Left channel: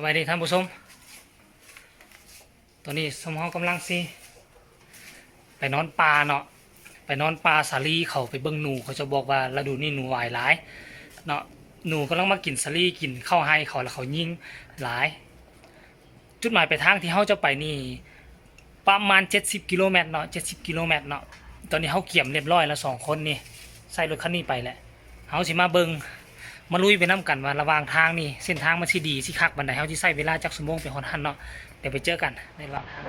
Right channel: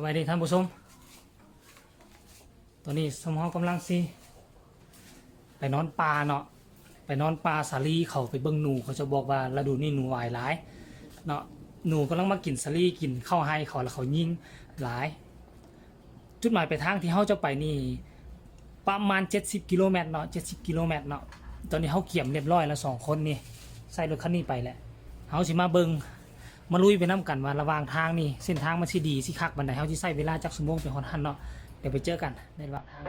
สวัสดีท่านผู้ชมตอนนี้สมองกำลังสิไปนอนปลาเนาะไปนอนปลาสาลีเขาไปเบิ่งหนูเขาจะบอกว่าฤดูนี้หนูหลายหลายเนาะหนูกำลังมากินสาลีกินข้าวให้เขาแล้วเขายิงหลายจุดหมายปลายทางที่เขาจะไปนี่ประมาณ70 กิโลเมตรเนาะ70 กิโลเมตรเนาะตอนนี้เขาเกี่ยมเรียบร้อยแล้ว2 คนนี่ใส่รถคันนี้ไปแหละเขาสิมาเบิ่งมาลุยไปน้ำกันว่าระหว่างทางนี่เส้นทางมันสิดีสิคักบันไดเขาที่ใส่เวลาจักชั่วโมงเป็นฮอดหันเนาะเดี๋ยวไปเจอกันในระหว่างทาง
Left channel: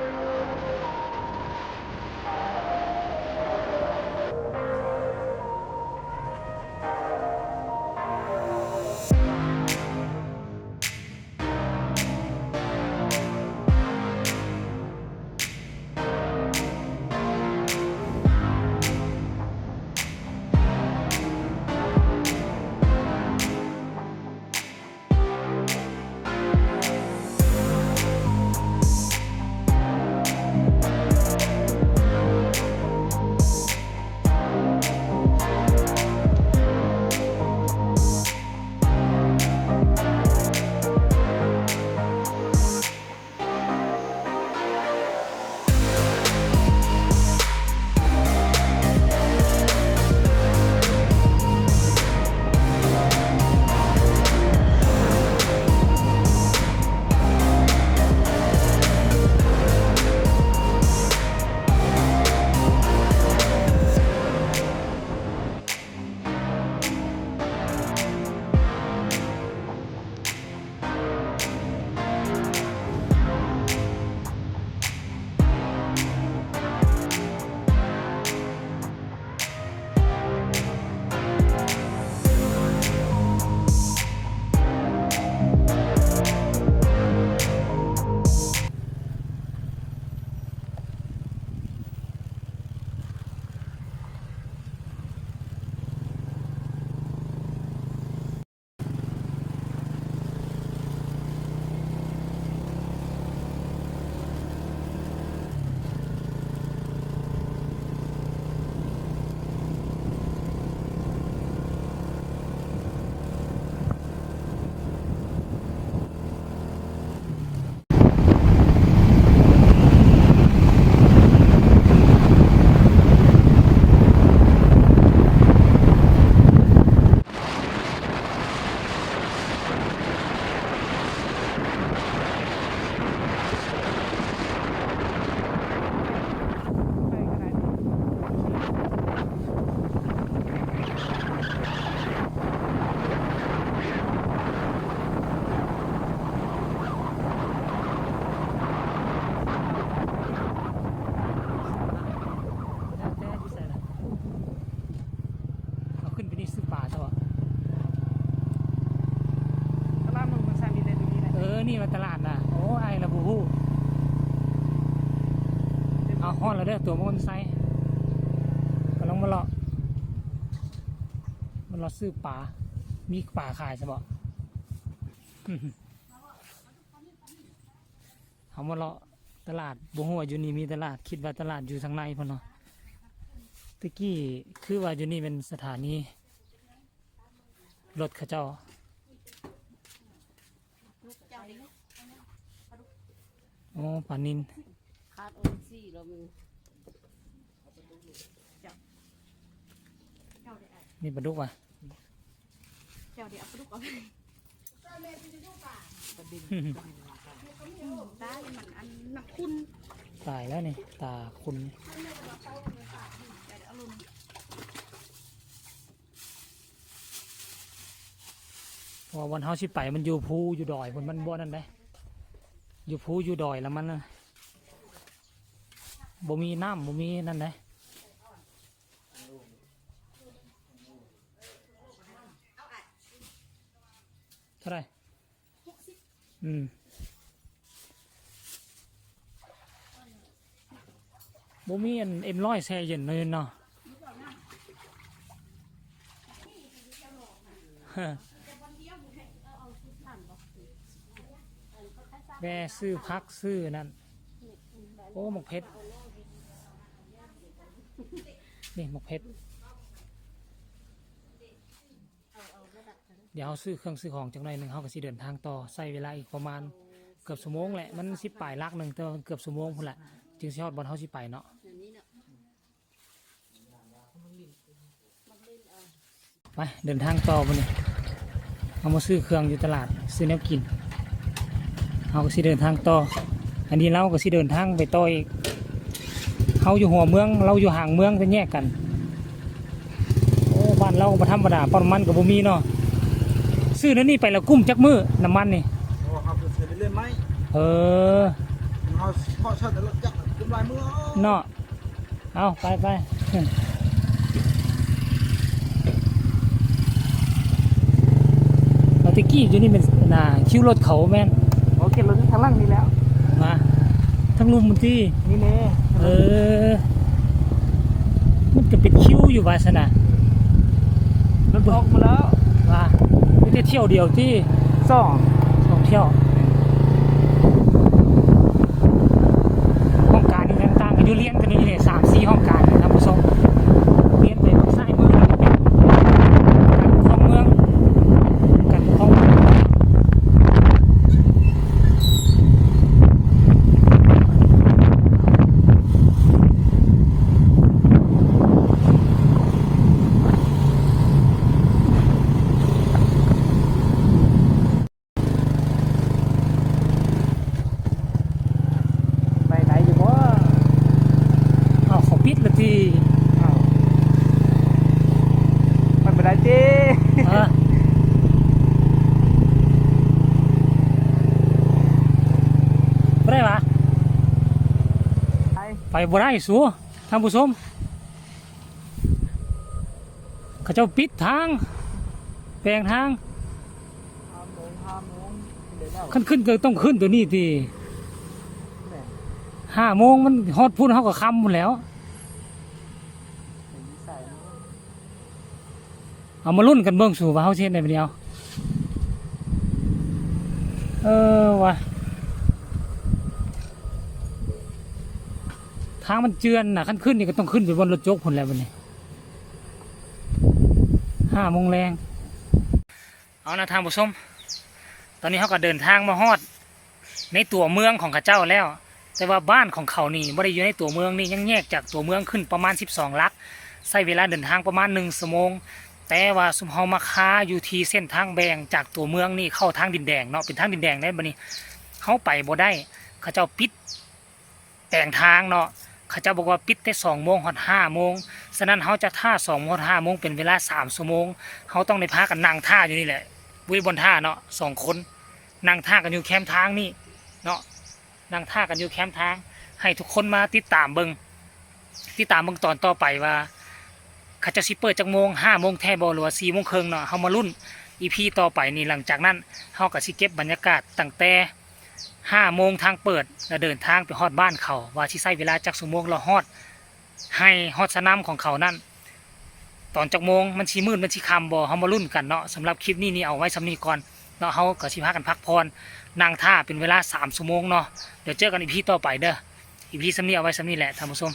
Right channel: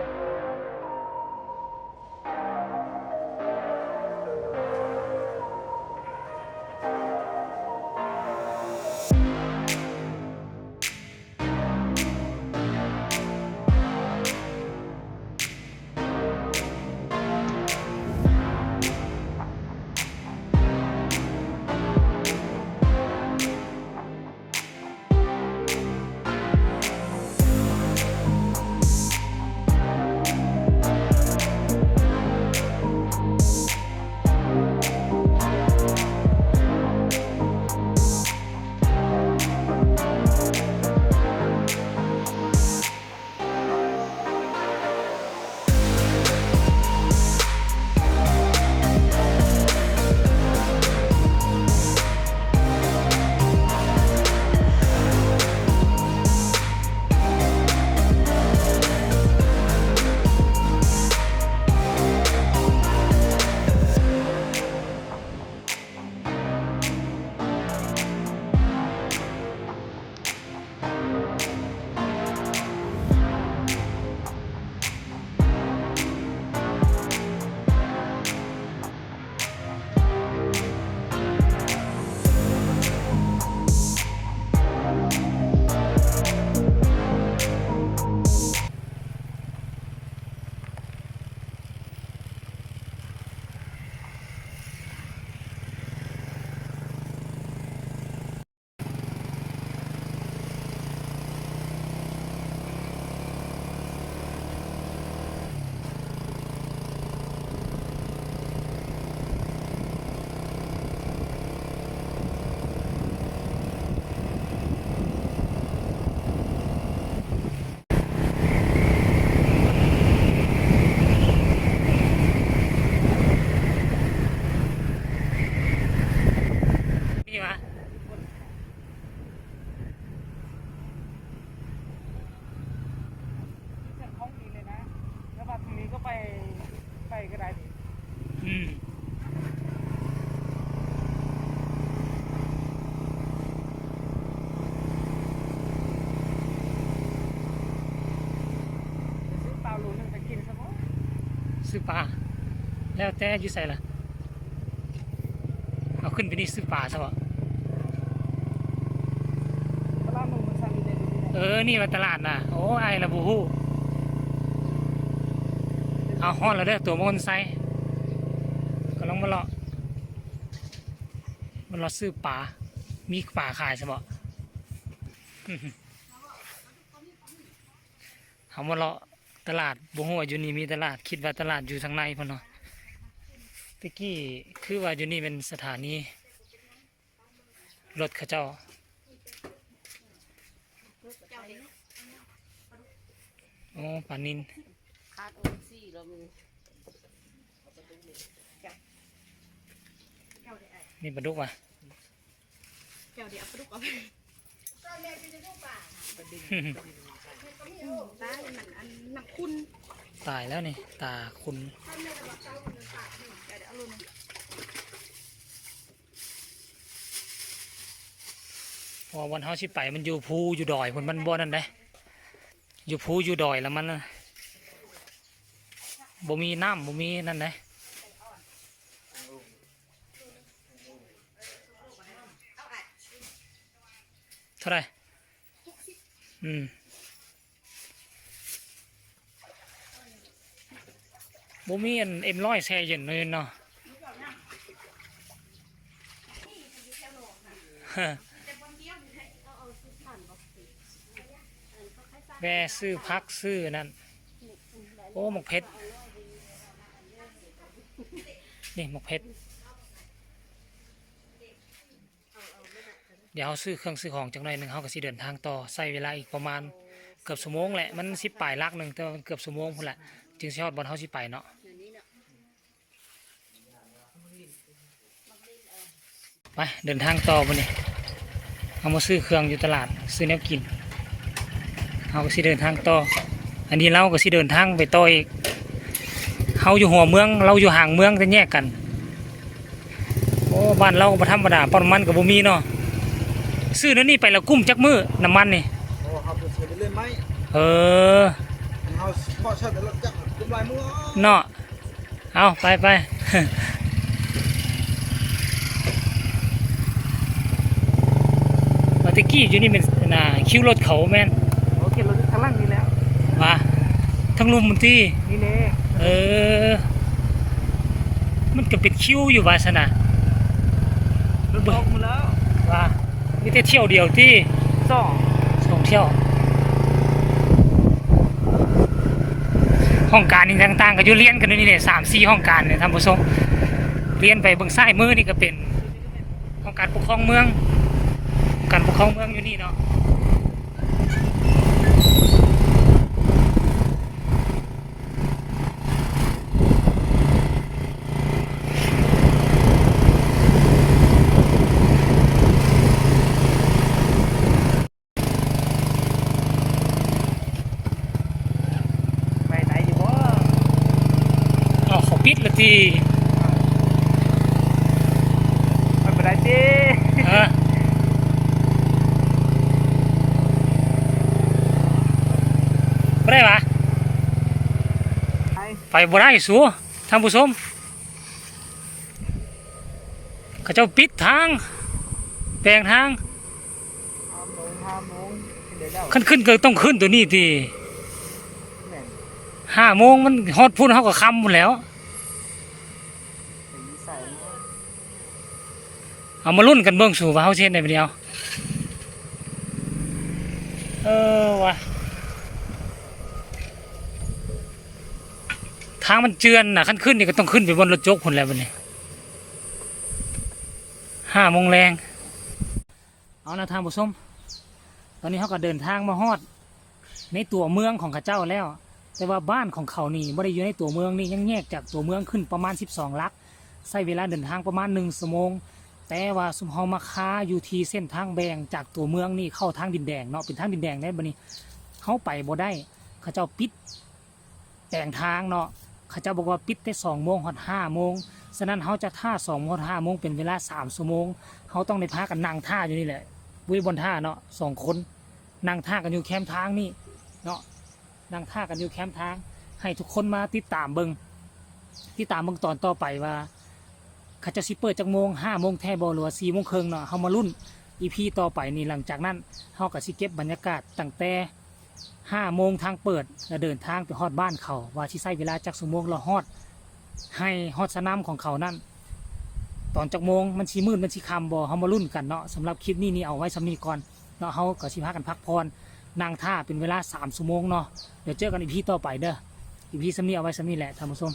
ซื้อปลาแล้วแต่อยู่ใส่ละเอาขึ้นไปนี่ซื้อปลาซะวะนี่มาตลาดน่ะโอ้ไอ้ละบูฮู้เอาฮ้อนแล้วเด้อตัวมอนไซก็ลองมาเลาะซื้อปลามีปลาขายใช่ปะเขามาเลาะตลาดบูฮู้ว่าอยู่นี่มีตลาดคิดว่าตลาดอยู่ทางในพอเนาะตะกี้คือว่าอยู่นี่เป็นสถานีรถเขาเจ้าโอ้ปลานินนี่ปลาดุกว่ะตายแล้วนี่ตาคุณพอวันเฮาสิไปมันอยู่ภูอยู่ดอยคนมันบ่นั่นได้อยู่ภูอยู่ดอยแล้วมันบ่มีน้ำบ่มีนั่นได้เท่าไหร่บ่มีM100แช่เย็นเลยเนาะแวซื้อพักซื้อนั่นโอ้หมกเพชรนี่หมกเพชร เดี๋ยวเฮาซื้อเครื่องซื้อของจักหน่อยหนึงเฮาก็สิเดินทางต่อใช้เวลาอีกประมาณเกือบชั่วโมงแหละมันสิปลายลักหนึงแต่ว่ามันเกือบชั่วโมงพุ่นแหละจึงสิฮอดบ่อนเฮาสิไปเนาะไปเดินทางต่อบัดนี้เฮามาซื้อเครื่องอยู่ตลาดซื้อแนวกินเฮาก็สิเดินทางต่ออันนี้เราก็สิเดินทางไปต่ออีกเฮาอยู่หัวเมืองเราอยู่ห่างเมืองจะแยกกันโอ้บ้านเราบ่ธรรมดาปั๊มน้ำมันก็บ่มีเนาะซื้อนั่นนี่ไปแล้วกุ้มจักมื้อน้ำมันนี่ โอ้ครับเป็นเล่นไหม เออ เขาเพาะชาติแต่ละจักเป็นลายมือ เนาะเอาไปไป มาตะกี้อยู่นี่เป็นน่ะคิวรถเขาแม่น โอเคลงทางล่างนี่แล้ว มาทั้งลุมมันที่ นี่เน่ เออ มันก็เป็นคิวอยู่ว่าซะนะมัน บ เบิ่ อง กมาแล้ว ว่านี่แต่เที่ยวเดียวที่ สอง สองเที่ยวห้องการนี่ต่างๆกันอยู่เรียนกันอยู่นี่เนี่ย3-4ห้องการเนี่ยท่านผู้ชมเรียนไปเบิ่งซ้ายมือนี่ก็เป็นห้องการปกครองเมืองการปกครองเมืองอยู่นี่เนาะไปไหนอยู่วะ เอาเขาปิดละที ไม่เป็นไรจี เออบ่ได้ปะ ไป ไปบ่ได้สูท่านผู้ชมเขาเจ้าปิดทางแปลงทาง 5 โมงเดี๋ยวเจ้า ขึ้นก็ต้องขึ้นตัวนี้ที แม่ 5 โมงมันฮอดพุ่นเขาก็ค่ำหมดแล้ว ใส่ เอามาลุ้นกันเบิ่งสู่ว่าเฮาสิเฮ็ดได้บ่เดียวเออว่ะทางมันเจือนน่ะคันขึ้นนี่ก็ต้องขึ้นไปบนรถจกพุ่นแล้วบัดนี้5 โมงแรงเอานะท่านผู้ชมตอนนี้เขาก็เดินทางมาฮอดในตัวเมืองของเขาเจ้าแล้ว แต่ว่าบ้านของเขานี่ไม่ได้อยู่ในตัวเมืองนี่ยังแยกจากตัวเมืองขึ้นประมาณ12 ลักใช้เวลาเดินทางประมาณ1 ชั่วโมงแต่ว่าสุมเฮามาค้าอยู่ที่เส้นทางแบ่งจากตัวเมืองนี่เข้าทางดินแดงเนาะเป็นทางดินแดงได้บัดนี้เขาไปบ่ได้เขาเจ้าปิดแต่งทางเนาะเขาเจ้าบอกว่าปิดแต่2 โมงฮอด5 โมงฉะนั้นเขาจะท่า2 โมงฮอด5 โมงเป็นเวลา3 ชั่วโมงเขาต้องได้พากันนั่งท่าอยู่นี่แหละวิบนท่าเนาะ2 คนนั่งท่ากันอยู่แคมป์ทางนี่เนาะนั่งท่ากันอยู่แคมป์ทางให้ทุกคนมาติดตามเบิ่งตอนต่อไปว่าเขาจะสิเปิดจากโมง5 โมงแท้บ่หรือว่า4 โมงครึ่งเนาะเฮามาลุ้น EP ต่อไปนี่หลังจากนั้นเฮาก็สิเก็บบรรยากาศตั้งแต่5 โมงทางเปิดแล้วเดินทางไปฮอดบ้านเขาว่าสิใช้เวลาจักชั่วโมงเราฮอดให้ฮอดสนามของเขานั่นตอนจักโมงมันสิมืดมันสิค่ำบ่เฮามาลุ้นกันเนาะสำหรับคลิปนี้นี่เอาไว้สำนี้ก่อนเนาะเฮาก็สิพากันพักผ่อนนั่งท่าเป็นเวลา3 ชั่วโมงเนาะเดี๋ยวเจอกัน EP ต่อไปเด้อ EP สำนี้เอาไว้สำนี้แหละท่านผู้ชม